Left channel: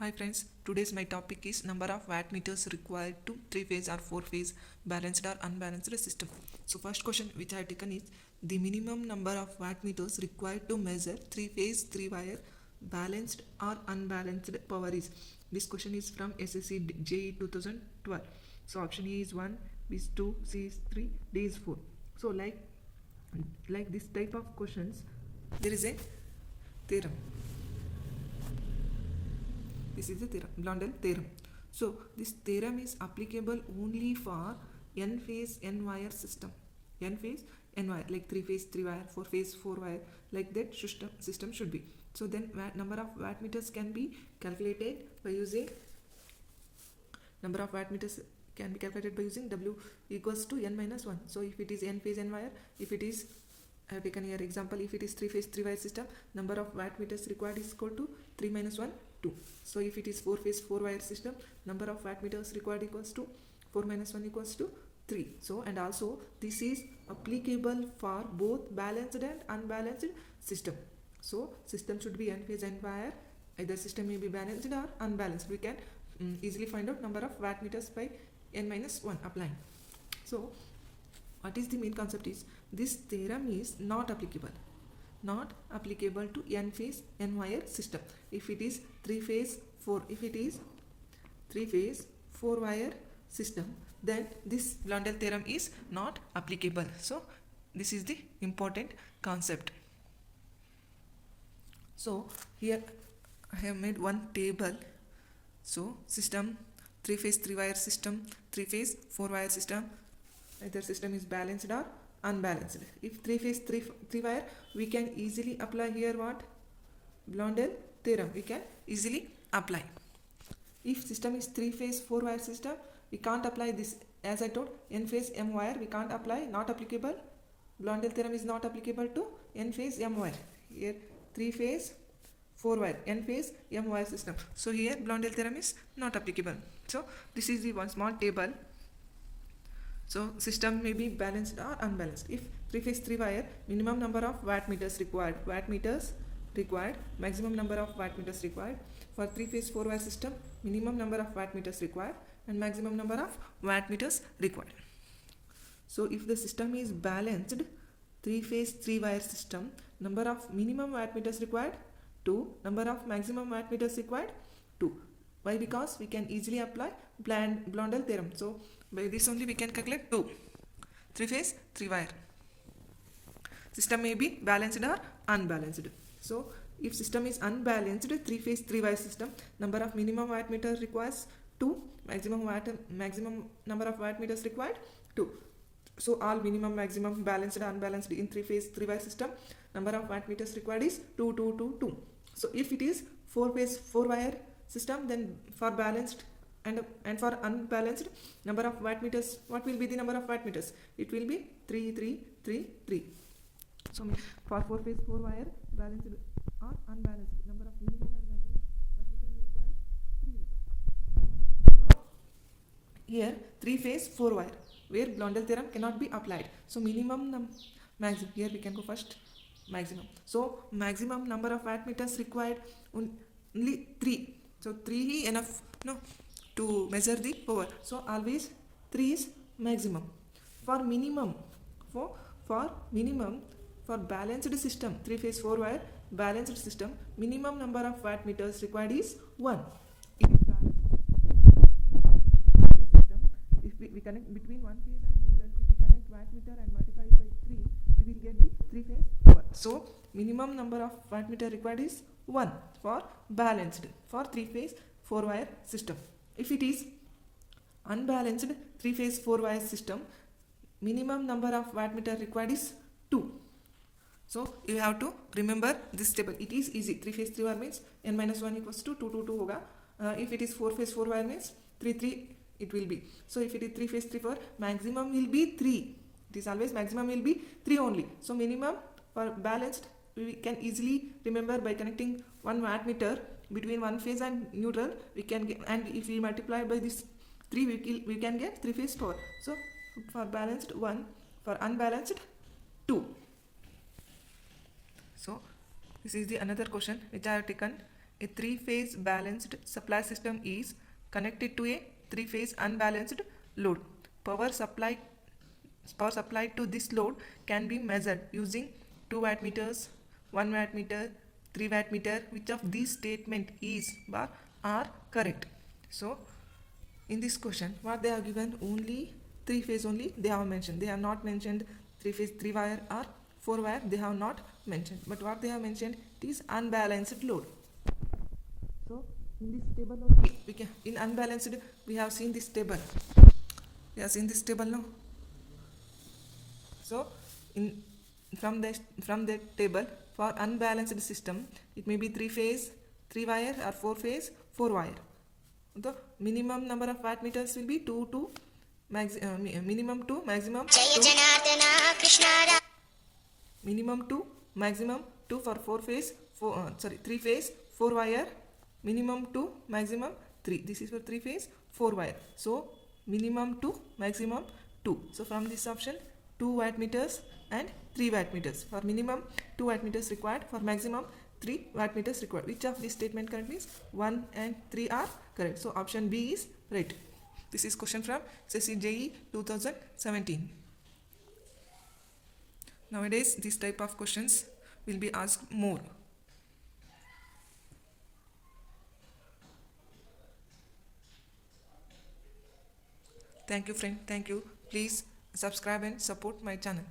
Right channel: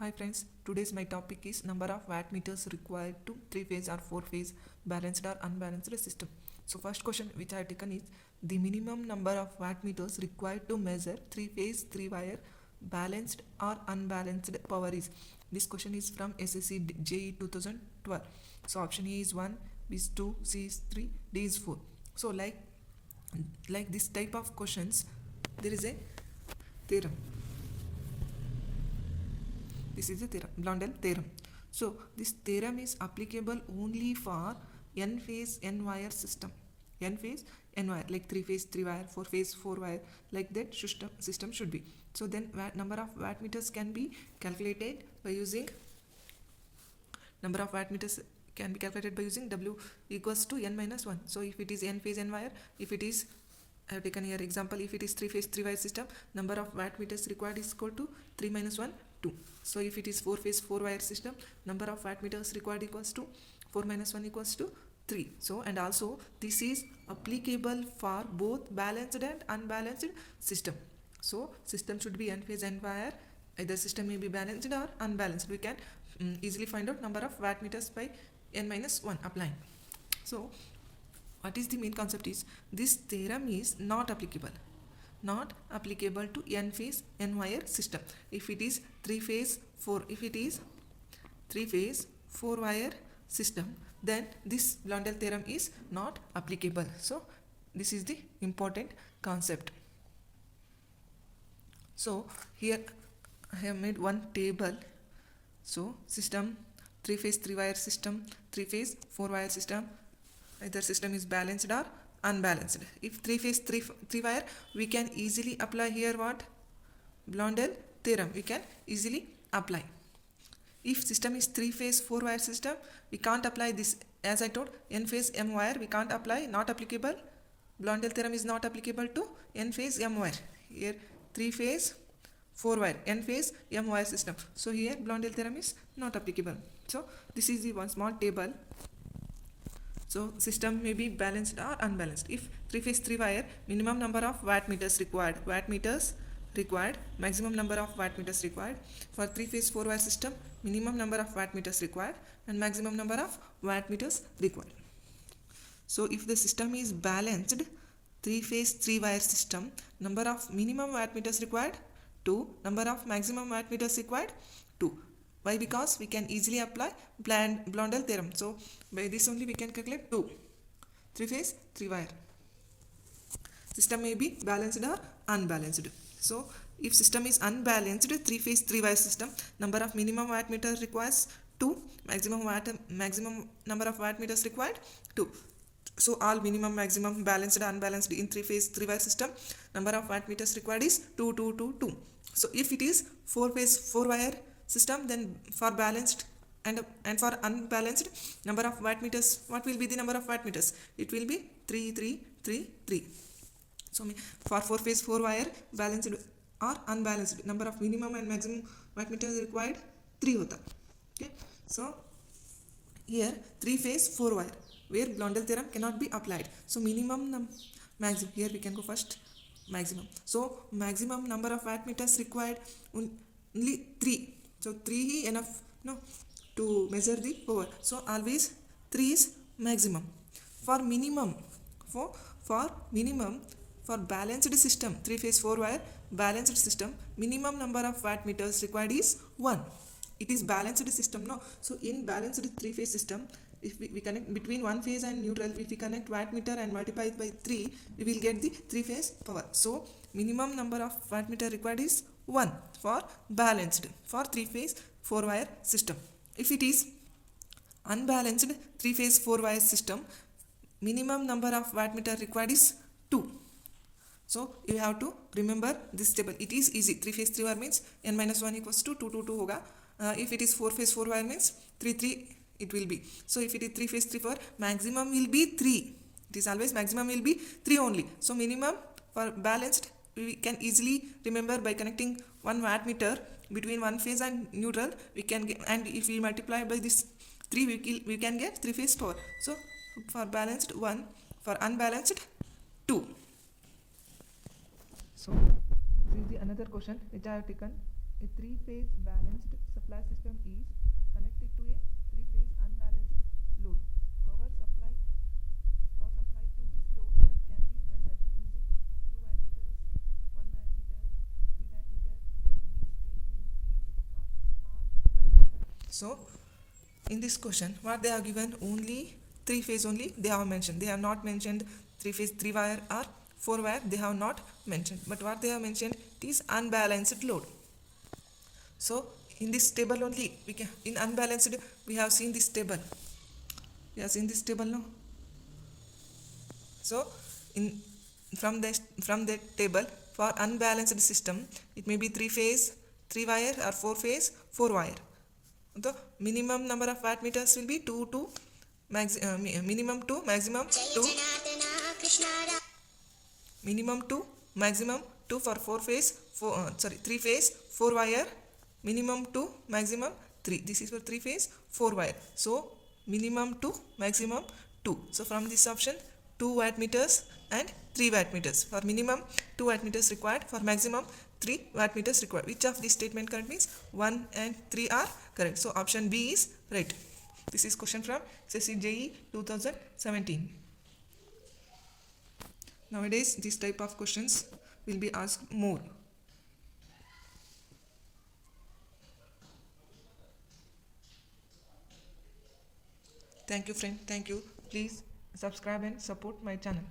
Hi friends, today's my topic is number of watt meters required to 3-phase or 4-phase balanced or unbalanced system. So first question which I have taken is the minimum number of watt meters required to measure 3-phase 3-wire balanced or unbalanced power is. This question is from SSC JE 2012. So option A is 1, B is 2, C is 3, D is 4. So like this type of questions, there is a theorem. This is the theorem, Blondel theorem. So this theorem is applicable only for n-phase n-wire system. N-phase n-wire, like 3-phase 3-wire, 4-phase 4-wire, like that system should be. So then number of watt meters can be calculated by using W equals to n minus 1. So if it is n-phase n-wire, if it is, I have taken here example, if it is 3-phase 3-wire system, number of watt meters required is equal to 3 minus 1, 2. So if it is 4-phase 4-wire system, number of watt meters required equals to 4 minus 1 equals to 3. So and also this is applicable for both balanced and unbalanced system. So system should be n-phase n-wire. Either system may be balanced or unbalanced. We can easily find out number of watt meters by n minus 1 applying. So what is the main concept is this theorem is not applicable to n-phase n-wire system. If it is 3-phase 4-wire system, then this Blondel theorem is not applicable. So this is the important concept. So here I have made one table. So system 3-phase 3-wire system, 3-phase 4-wire system, either system is balanced or unbalanced. If 3-phase 3-wire, we can easily apply here what? Blondel theorem we can easily apply. If system is 3-phase 4-wire system, we can't apply this. As I told, n-phase m-wire we can't apply, not applicable. Blondel theorem is not applicable to n-phase m-wire. Here 3-phase 4-wire, n-phase m-wire system. So here Blondel theorem is not applicable. So this is the one small table. So system may be balanced or unbalanced. If 3-phase 3-wire, minimum number of watt meters required, maximum number of watt meters required. For 3-phase 4-wire system, minimum number of watt meters required and maximum number of watt meters required. So if the system is balanced 3-phase 3-wire system, number of minimum watt meters required 2, number of maximum watt meters required 2. Why? Because we can easily apply Blondel theorem. So by this only we can calculate 2. 3-phase 3-wire system may be balanced or unbalanced. So if system is unbalanced 3-phase 3-wire system, number of minimum watt meters requires 2, maximum number of watt meters required 2. So all minimum, maximum, balanced, unbalanced in 3-phase 3-wire system, number of watt meters required is 2, 2, 2, 2. So if it is 4-phase 4-wire system, then for balanced and for unbalanced, number of watt meters, what will be the number of watt meters? It will be 3, 3, 3, 3. So for 4-phase 4-wire, balanced or unbalanced, number of minimum and maximum watt meters required 3 hota. Okay. So here 3-phase 4-wire, where Blondel theorem cannot be applied. So maximum, here we can go first maximum. So maximum number of watt meters required only 3. So 3 enough to measure the power. So always 3 is maximum. For minimum, for balanced system, 3-phase 4-wire balanced system, minimum number of watt meters required is 1. It is balanced system, no? So in balanced 3-phase system, if we connect between one phase and neutral, if we connect wattmeter and multiply it by 3, we will get the 3-phase power. So minimum number of wattmeter required is 1 for balanced, for 3-phase 4-wire system. If it is unbalanced 3-phase 4-wire system, minimum number of wattmeter required is 2. So you have to remember this table. It is easy. 3-phase 3-wire means n minus 1 equals to 2, 2, 2 hoga. If it is 4-phase 4-wire means 3, 3 it will be. So if it is 3-phase 3-4, maximum will be 3. It is always maximum will be 3 only. So minimum for balanced, we can easily remember by connecting one wattmeter between one phase and neutral. We can get, and if we multiply by this 3, we can get 3-phase power. So for balanced 1, for unbalanced 2. So this is the another question which I have taken a three-phase balanced supply system is connected to a three-phase unbalanced load. Power supplied to this load can be measured using 2 watt meters, 1 watt meter, 3 watt meter. Which of these statement is or are correct? So in this question, what they have given, only 3 phase only they have mentioned. They have not mentioned 3 phase 3 wire or 4 wire. They have not mentioned. But what they have mentioned is unbalanced load. So in this table only we can, in unbalanced we have seen this table. We have seen this table now. So in from the table, for unbalanced system it may be 3 phase 3 wire or 4 phase 4 wire. The minimum number of watt meters will be 2 to minimum 2, maximum 2. Minimum 2, maximum 2 for 4 phase 3 phase 4 wire. Minimum 2, maximum 3. This is for 3 phase 4 wire. So minimum 2, maximum 2. So from this option, 2 watt meters and 3 watt meters. For minimum 2 watt meters required, for maximum 3 watt meters required. Which of this statement correct means 1 and 3 are correct. So option B is right. This is question from SSC 2017. Nowadays this type of questions will be asked more. Thank you friend. Thank you. Please subscribe and support my channel.